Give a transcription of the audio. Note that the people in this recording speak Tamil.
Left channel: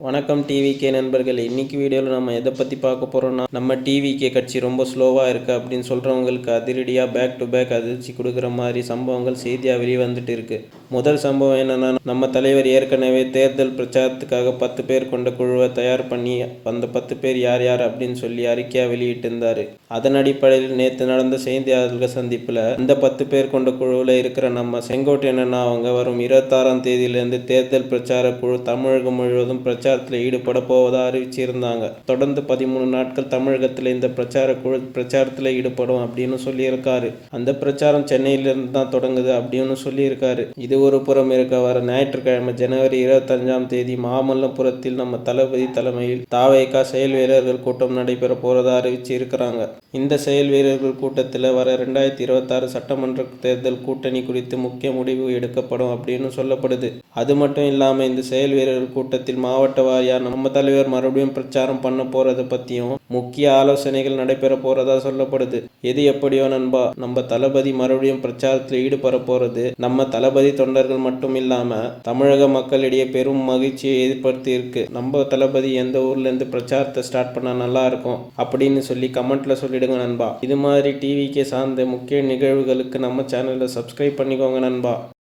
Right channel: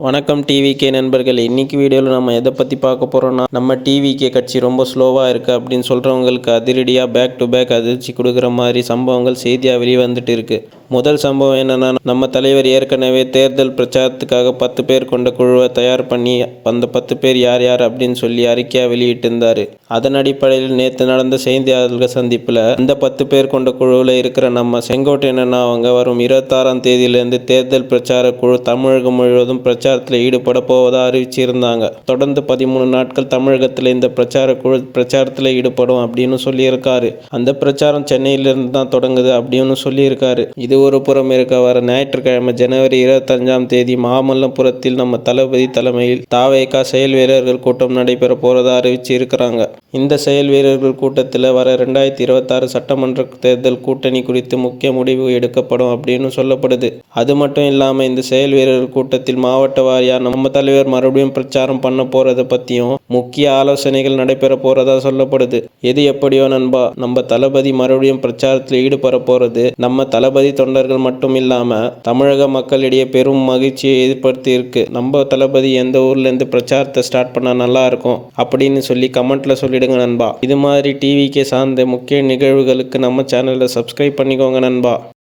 வணக்கம் டிவிகே நண்பர்கள் இன்னைக்கு வீடியோவில் நம்ம எதை பற்றி பார்க்க போகிறோன்னா நம்ம டிவிகே கட்சி ரொம்ப ஸ்லோவாக இருக்குது அப்படின்னு சொல்கிறவங்களுக்கு அதிரடியாக பேக் டு பேக் அதிர்ச்சி கொடுக்குற மாதிரி சம்பவங்கள் செய்தியாக வெளியே வந்துட்டு இருக்குது முதல் சம்பவம் என்னன்னா நம்ம தலைவர் ஏற்கனவே தேர்தல் பிரச்சாரத்துக்காக பத்து பேர் கொண்ட குழுவை தயார் பண்ணி அந்த பத்து பேர் யார் யார் அப்படின்னு சொல்லி அறிக்கையாக வெளியிட்டிருந்தார். அதன் அடிப்படையில் நேற்று நடந்த செய்தியாளர்கள் சந்திப்பில் அந்த பத்து பேர் கொண்ட குழுவில் இருக்கிற நம்ம செங்கோட்டையன் அவங்க வரும் இருபத்தாறாம் தேதியிலிருந்து தேர்தல் பிரச்சார குழு தமிழகம் முழுவதும் பிரச்சாரத்தில் ஈடுபட போவதாக அறிவிச்சிருந்தாங்க. தொடர்ந்து பதிமூணு நாட்கள் தமிழகத்தில் இந்த பிரச்சார குழு பிரச்சாரத்தில் ஈடுபடும் அப்படின்னு சொல்லியிருக்காரு. அந்த பிரச்சாரம் சென்னையிலிருந்து தான் தொடங்குது அப்படின்னு சொல்லியிருக்காரு. இது ஒரு புறம் இருக்க வர ஞாயிற்றுக்கிழமை ஜனவரி இருபத்தஞ்சாம் தேதி மாமல்லபுரத்தில் நம்ம தளபதி தலைமையில் தாவேகா செயல் வீரர்கள் கூட்டம் நடைபெற போறதா அறிவிச்சு இருக்கிறாங்க இந்த செயல் வீரர்கள் கூட்டத்தில் வர ரெண்டாயிரத்தி இருபத்தாறு சட்டமன்ற தேர்தல் கூட்டணி குறித்து முக்கிய முடிவு எடுக்கப்படும் அப்படின்னு சொல்லப்படுது. அது மட்டும் இல்லாமல் இந்த செயல் வீரர்கள் கூட்டத்தில் மாவட்ட வாரியாக நம்ம தலைவர் மறுபடியும் பிரச்சாரம் பண்ண போகிறத பற்றியும் முக்கிய ஆலோசனைகள் நடைபெற போகிறதா சொல்லப்படுது. எது எப்படியோ நண்பா நம்ம தளபதி மறுபடியும் பிரச்சாரத்தில் ஈடுபட போகிறது நம்ம தளபதி தொண்டர்கள் மட்டும் இல்லாமல் தமிழக மக்களிடையே பெரும் மகிழ்ச்சியை ஏற்படுத்தி இருக்கு. நம்ம தளபதி எந்த ஊர்லேருந்து பிரச்சாரத்தை ஸ்டார்ட் பண்ணால் நல்லா இருக்கும் அப்படின்னு சொல்லி கமெண்ட்டில் சொல்லி விடுங்க நண்பா. இது மாதிரி டிவிக்கு சார்ந்த முக்கிய நிகழ்வுகளுக்கு நம்ம சேனலை சப்ஸ்கிரைப் பண்ணிக்கோங்க நண்பா.